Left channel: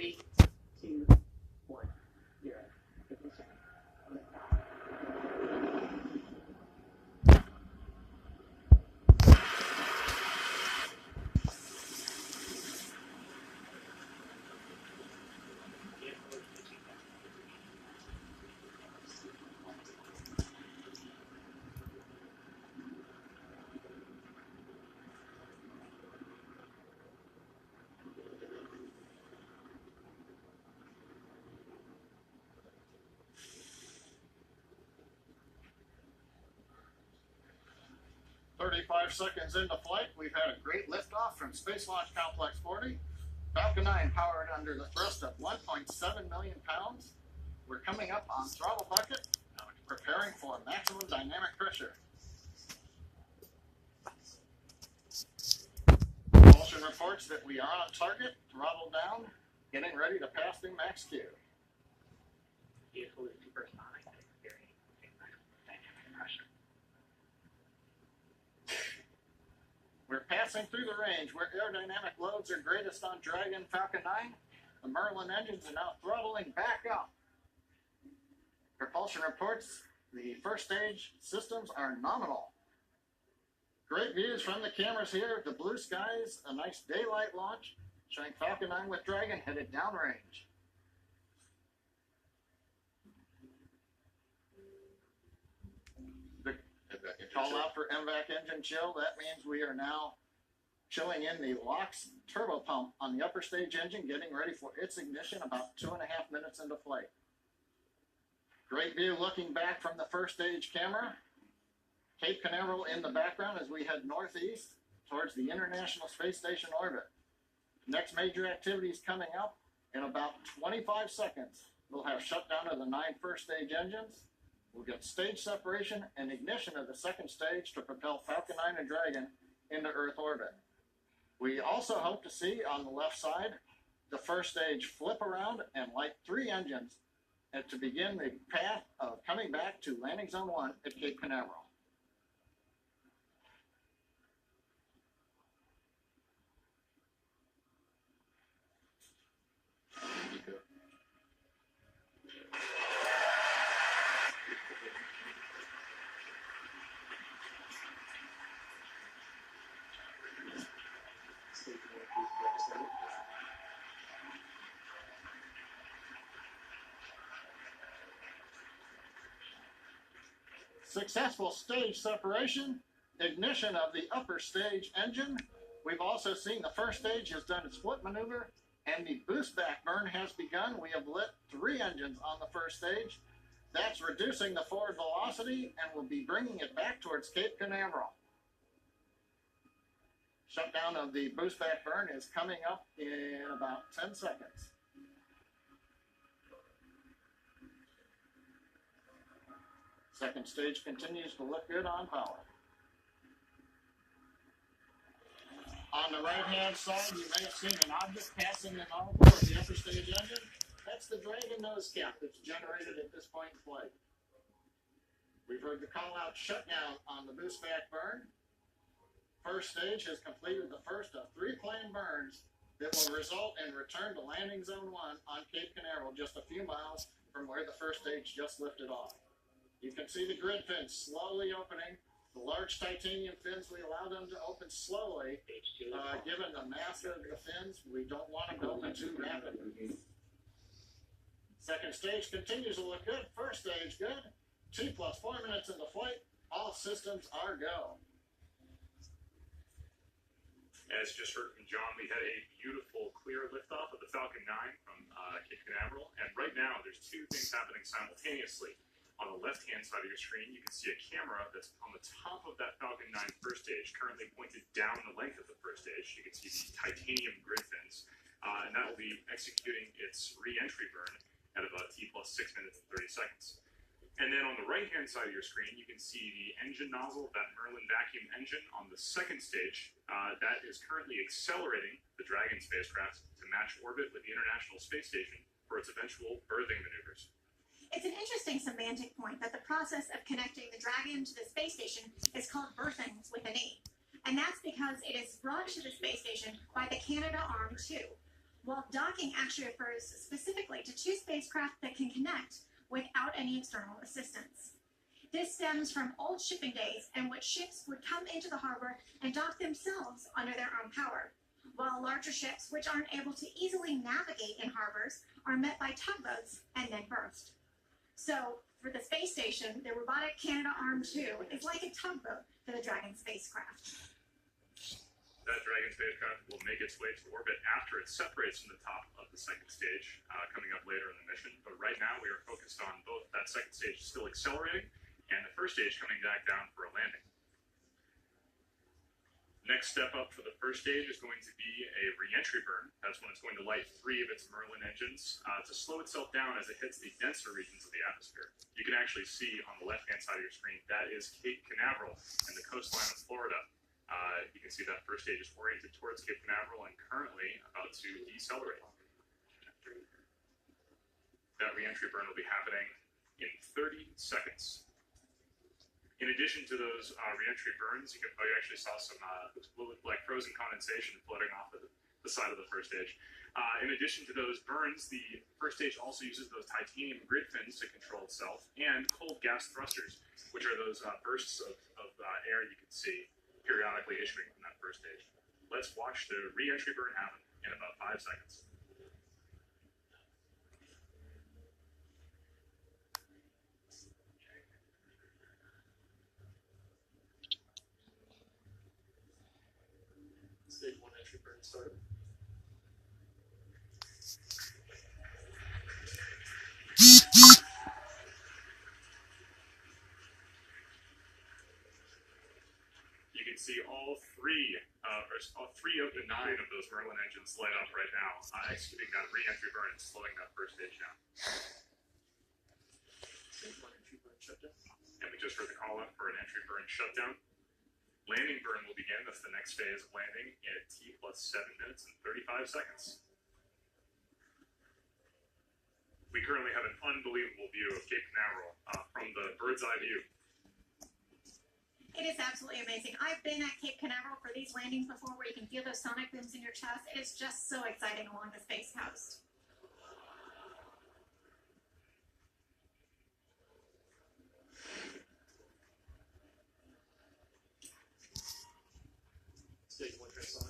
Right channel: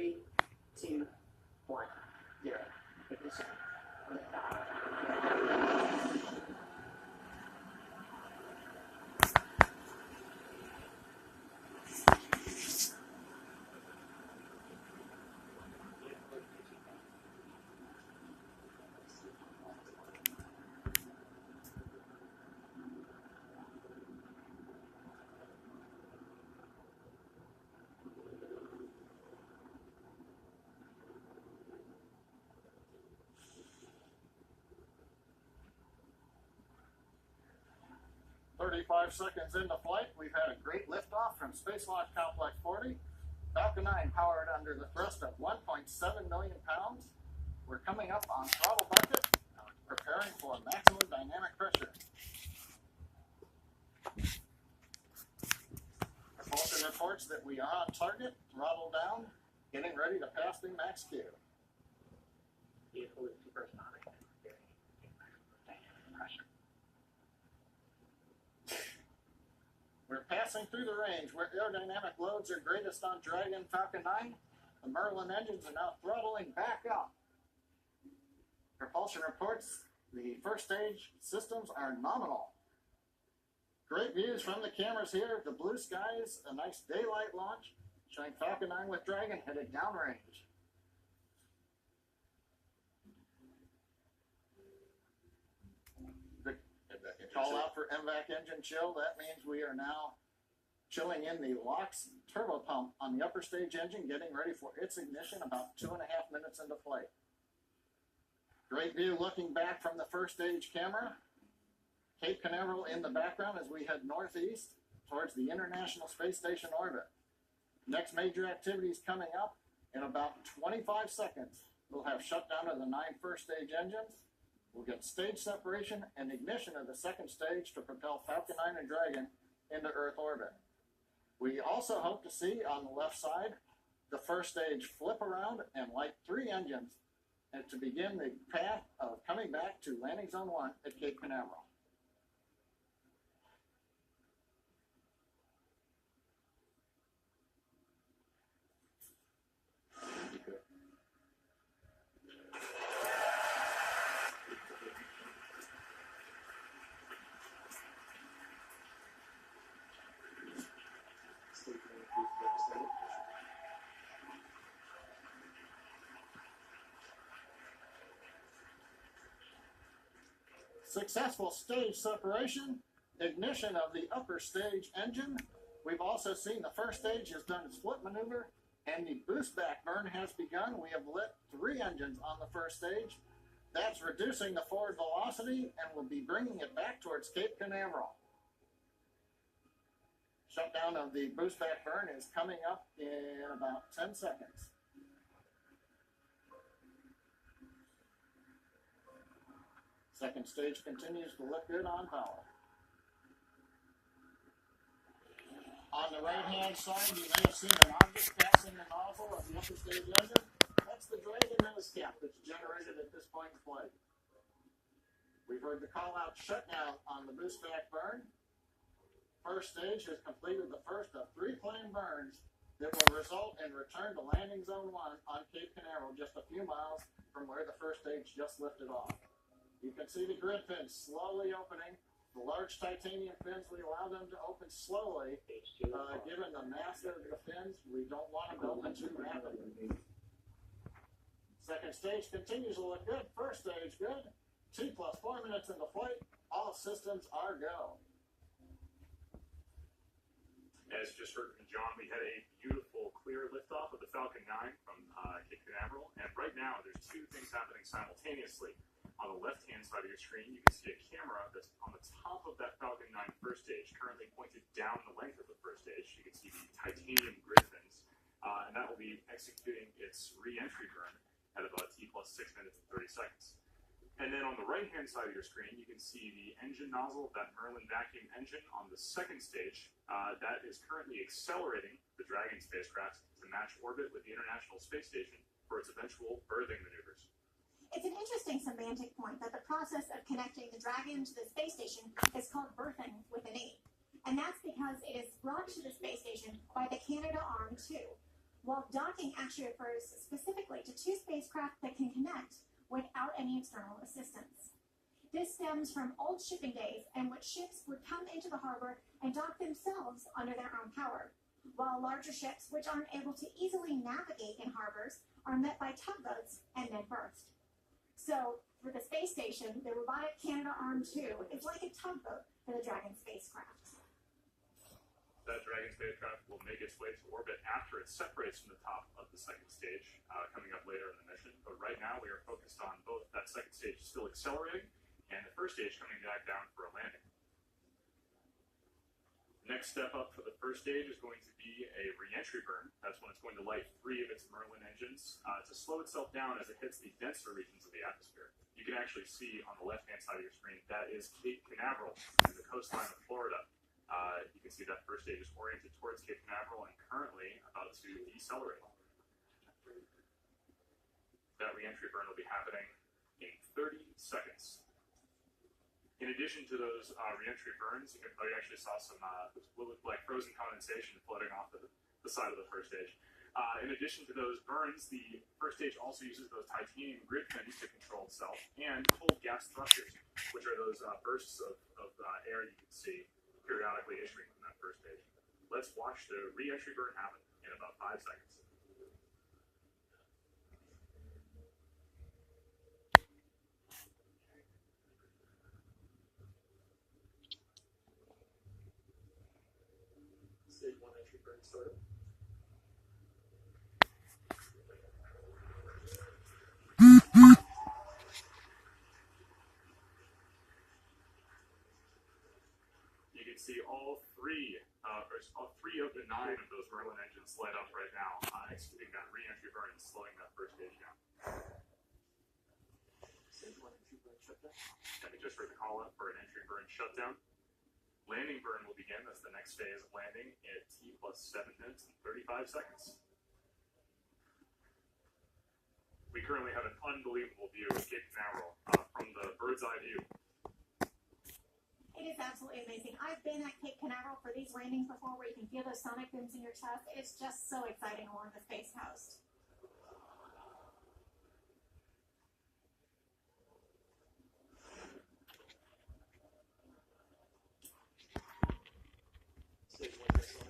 3, 2, 1, 0. Ignition. Liftoff. 35 seconds into flight, we've had a great liftoff from Space Launch Complex 40. Falcon 9 powered under the thrust of 1.7 million pounds. We're coming up on throttle bucket, preparing for maximum dynamic pressure. Propulsion reports that we are on target, throttle down, getting ready to pass through max Q. Vehicle is supersonic and experiencing maximum dynamic pressure. We're passing through the range where aerodynamic loads are greatest on Dragon Falcon 9. The Merlin engines are now throttling back up. Propulsion reports the first stage systems are nominal. Great views from the cameras here. The blue skies, a nice daylight launch, showing Falcon 9 with Dragon headed downrange. The call out for MVAC engine chill. That means we are now chilling in the LOX turbo pump on the upper stage engine, getting ready for its ignition about 2.5 minutes into flight. Great view looking back from the first stage camera. Cape Canaveral in the background as we head northeast towards the International Space Station orbit. Next major activities coming up in about 25 seconds. We'll have shutdown of the 9 first stage engines. We'll get stage separation and ignition of the second stage to propel Falcon 9 and Dragon into Earth orbit. We also hope to see on the left side the first stage flip around and light 3 engines and to begin the path of coming back to landing zone 1 at Cape Canaveral. Successful stage separation, ignition of the upper stage engine. We've also seen the first stage has done its flip maneuver and the boost back burn has begun. We have lit 3 engines on the first stage. That's reducing the forward velocity and will be bringing it back towards Cape Canaveral. Shutdown of the boost back burn is coming up in about 10 seconds. Second stage continues to look good on power. On the right-hand side, you may have seen an object passing the nozzle of the upper stage engine. That's the Dragon nose cap that's generated at this point in flight. We've heard the call-out shutdown on the boost back burn. First stage has completed the first of 3 planned burns that will result in return to landing zone 1 on Cape Canaveral, just a few miles from where the first stage just lifted off. You can see the grid fins slowly opening. The large titanium fins, we allow them to open slowly. Given the mass of the fins, we don't want them to open too rapidly. Second stage continues to look good. First stage good. 2 + 4 minutes into flight. All systems are go. As you just heard from John, we had a beautiful, clear liftoff of the Falcon 9 from Cape Canaveral. And right now, there's 2 things happening simultaneously. On the left-hand side of your screen, you can see a camera that's on the top of that Falcon 9 first stage, currently pointed down the length of the first stage. You can see these titanium grid fins, and that will be executing its re-entry burn at about T + 6 minutes and 30 seconds. And then on the right-hand side of your screen, you can see the engine nozzle of that Merlin vacuum engine on the second stage. That is currently accelerating the Dragon spacecraft to match orbit with the International Space Station for its eventual berthing maneuvers. It's an interesting semantic point that the process of connecting the Dragon to the space station is called berthing with an E. And that's because it is brought to the space station by the Canadarm2. while docking actually refers specifically to two spacecraft that can connect without any external assistance. This stems from old shipping days in which ships would come into the harbor and dock themselves under their own power, while larger ships, which aren't able to easily navigate in harbors, are met by tugboats and then berthed. So, for the space station, the robotic Canadarm2 is like a tugboat for the Dragon spacecraft. That Dragon spacecraft will make its way to orbit after it separates from the top of the second stage, coming up later in the mission. But right now, we are focused on both that second stage still accelerating and the first stage coming back down for a landing. Next step up for the first stage is going to be a re-entry burn. That's when it's going to light 3 of its Merlin engines to slow itself down as it hits the denser regions of the atmosphere. You can actually see on the left-hand side of your screen, that is Cape Canaveral and the coastline of Florida. You can see that first stage is oriented towards Cape Canaveral and currently about to decelerate. That re-entry burn will be happening in 30 seconds. In addition to those re-entry burns, you actually saw some what looked like frozen condensation floating off the side of the first stage. In addition to those burns, the first stage also uses those titanium grid fins to control itself and cold gas thrusters, which are those bursts of air you can see periodically issuing from that first stage. Let's watch the re-entry burn happen in about 5 seconds. Stage 1 entry burn started. You can see all three of the 9 of those Merlin engines light up right now, executing that re-entry burn and slowing that first stage down. Stage 1 entry burn shutdown. And we just heard the call out for an entry burn shutdown. Landing burn will begin. That's the next phase of landing at T plus 7 minutes and 35 seconds. We currently have an unbelievable view of Cape Canaveral from the bird's eye view. It is absolutely amazing. I've been at Cape Canaveral for these landings before where you can feel those sonic booms in your chest. It is just so exciting along the Space Coast. Stage 1 dress on.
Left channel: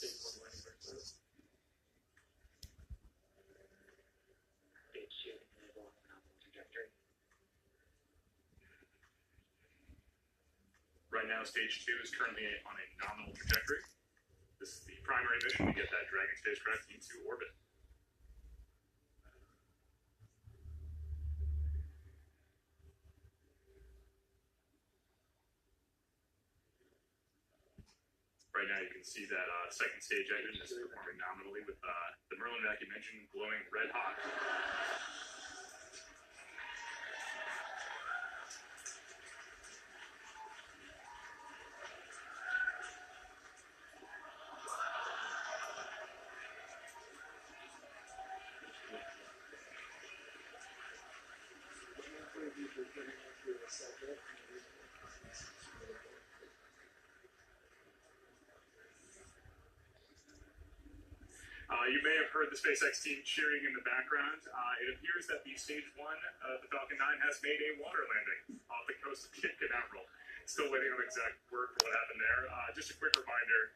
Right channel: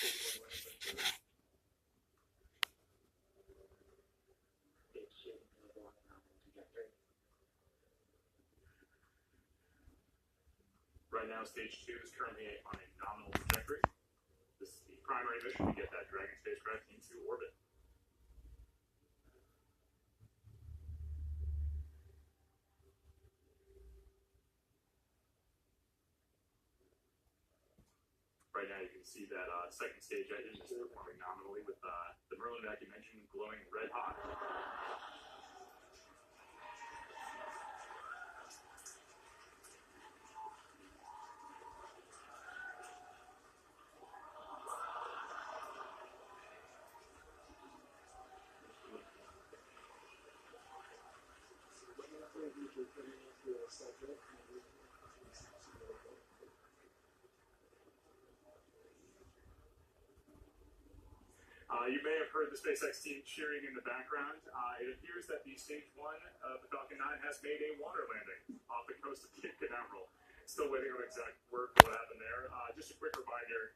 Stage 1 landing burn started. Stage 2 enable on the nominal trajectory. Right now, stage 2 is currently on a nominal trajectory. This is the primary mission to get that Dragon spacecraft into orbit. Right now, you can see that second stage engine is performing nominally with the Merlin vacuum engine glowing red hot. You may have heard the SpaceX team cheering in the background. It appears that the stage 1 of the Falcon 9 has made a water landing off the coast of Cape Canaveral. Still waiting on exact word for what happened there. Just a quick reminder,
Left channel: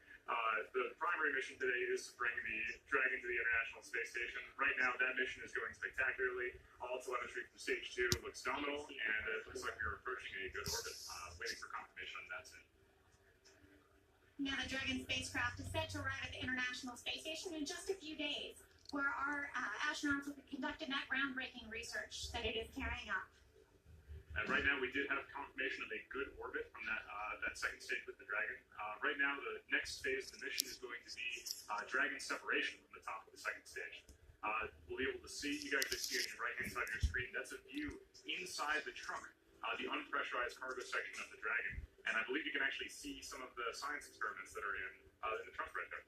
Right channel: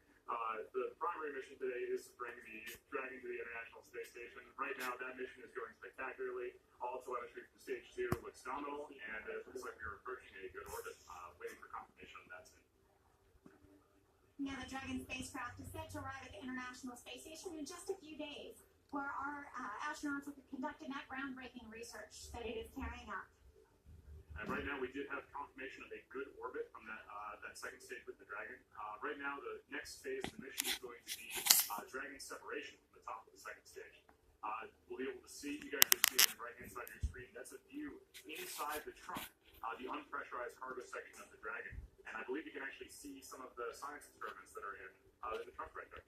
the primary mission today is to bring the Dragon to the International Space Station. Right now, that mission is going spectacularly. All telemetry from stage 2 looks nominal, and it looks like we are approaching a good orbit. Waiting for confirmation on that soon. Now, the Dragon spacecraft is set to arrive at the International Space Station in just a few days, where our astronauts will be conducting that groundbreaking research that it is carrying out. And right now, we did have confirmation of a good orbit from that second stage with the Dragon. Right now, the next phase of the mission is going to be Dragon separation from the top of the second stage. We'll be able to see, you guys can see on the right-hand side of your screen, that's a view inside the trunk, the unpressurized cargo section of the Dragon. And I believe you can actually see some of the science experiments that are in the trunk right there.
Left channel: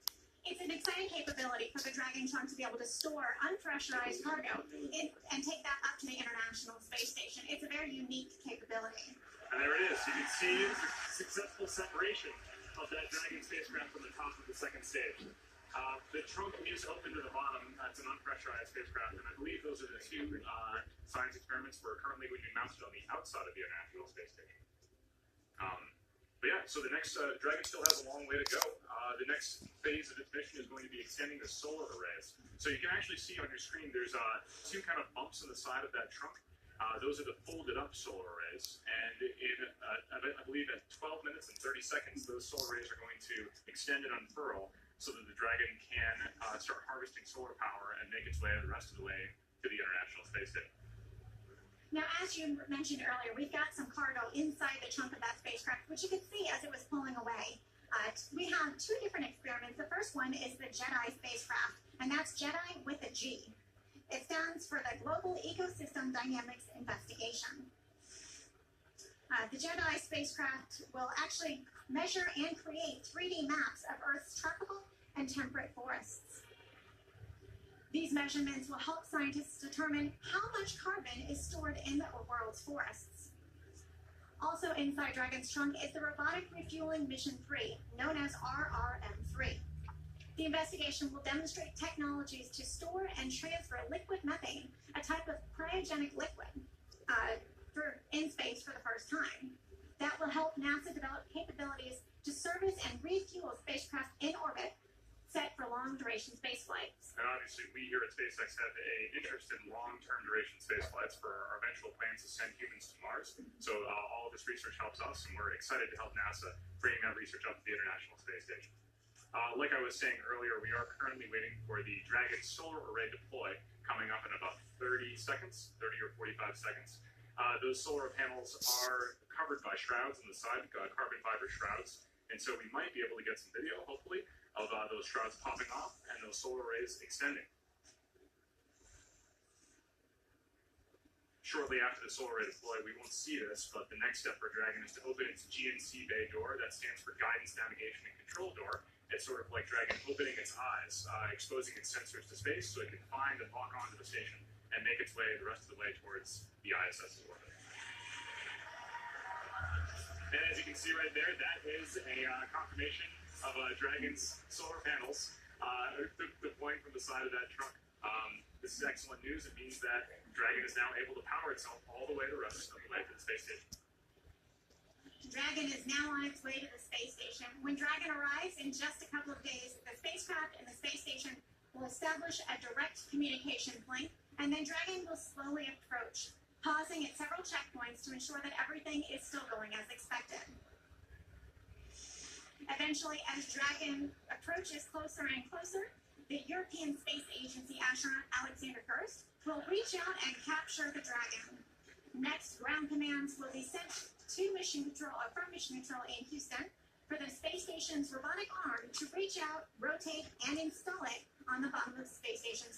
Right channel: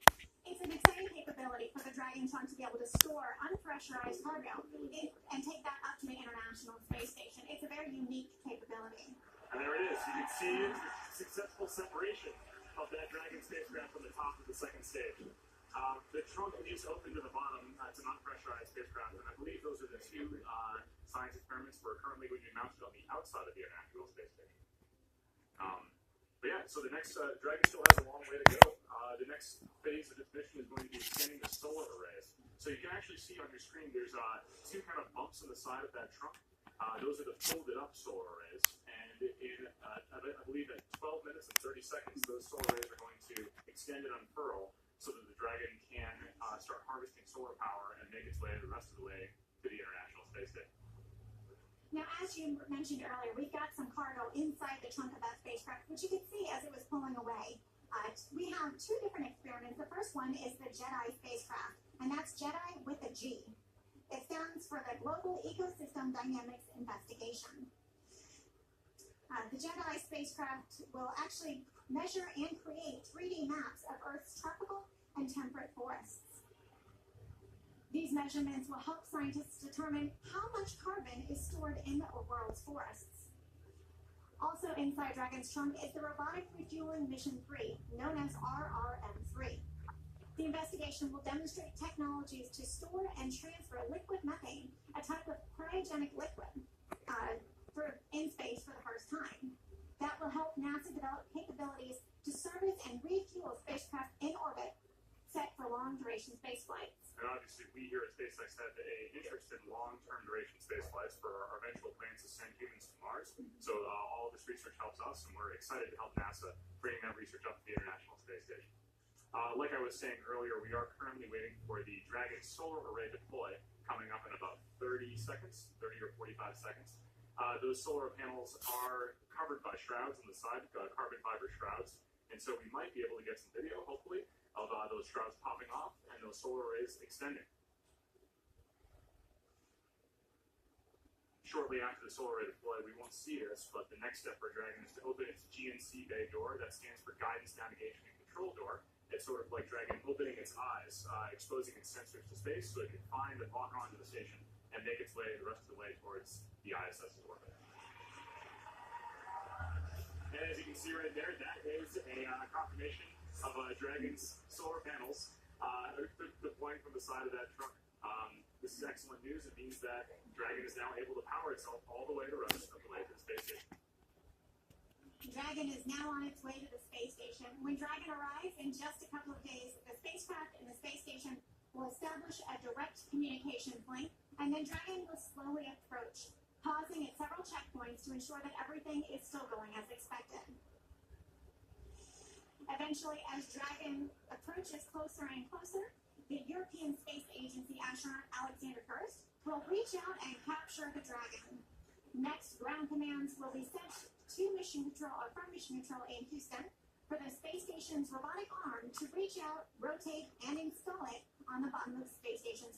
It's an exciting capability for the Dragon trunk to be able to store unpressurized cargo and take that up to the International Space Station. It's a very unique capability. And there it is. You can see the successful separation of that Dragon spacecraft from the top of the second stage. The trunk is open to the bottom. It's an unpressurized spacecraft, and I believe those are the two science experiments we're currently going to be mounted on the outside of the International Space Station. But yeah, so the next Dragon still has a long way to go. The next phase of its mission is going to be extending the solar arrays. So you can actually see on your screen there's two kind of bumps on the side of that trunk. Those are the folded up solar arrays, and I believe at 12 minutes and 30 seconds, those solar arrays are going to extend and unfurl so that the Dragon can start harvesting solar power and make its way the rest of the way to the International Space Station. Now, as you mentioned earlier, we've got some cargo inside the trunk of that spacecraft, which you could see as it was pulling away. We have two different experiments. The first one is the JEDI spacecraft, and that's JEDI with a G. It stands for the Global Ecosystem Dynamics Investigation. The JEDI spacecraft will actually measure and create 3D maps of Earth's tropical and temperate forests. These measurements will help scientists determine how much carbon is stored in the world's forests. Also inside Dragon's trunk is the Robotic Refueling Mission 3, known as RRM-3. The investigation will demonstrate technologies to store and transfer liquid methane, a type of cryogenic liquid, in space for the first time. That will help NASA develop capabilities to service and refuel spacecraft in orbit set for long-duration space flights. And obviously, we here at SpaceX have an interest in long-term duration space flights for our eventual plans to send humans to Mars. So all of this research helps us, and we're excited to help NASA bring that research up to the International Space Station. Like I was saying earlier, we are currently waiting for the Dragon solar array deploy coming up in about 30 seconds, 30 or 45 seconds. Those solar panels are covered by shrouds on the side, carbon fiber shrouds, and so we might be able to get some video, hopefully, of those shrouds popping off and those solar arrays extending. Shortly after the solar array deploy, we won't see this, but the next step for Dragon is to open its GNC bay door. That stands for Guidance, Navigation, and Control Door. It's sort of like Dragon opening its eyes, exposing its sensors to space so it can find and lock onto the station and make its way the rest of the way towards the ISS's orbit. And as you can see right there, that is a confirmation of Dragon's solar panels deploying from the side of that trunk. This is excellent news. It means that Dragon is now able to power itself all the way the rest of the way to the space station. Dragon is now on its way to the space station. When Dragon arrives in just a couple of days, the spacecraft and the space station will establish a direct communications link, and then Dragon will slowly approach, pausing at several checkpoints to ensure that everything is still going as expected. Eventually, as Dragon approaches closer and closer, the European Space Agency astronaut Alexander Gerst will reach out and capture the Dragon. Next, ground commands will be sent to from Mission Control in Houston for the space station's robotic arm to reach out, rotate, and install it on the bottom of the space station's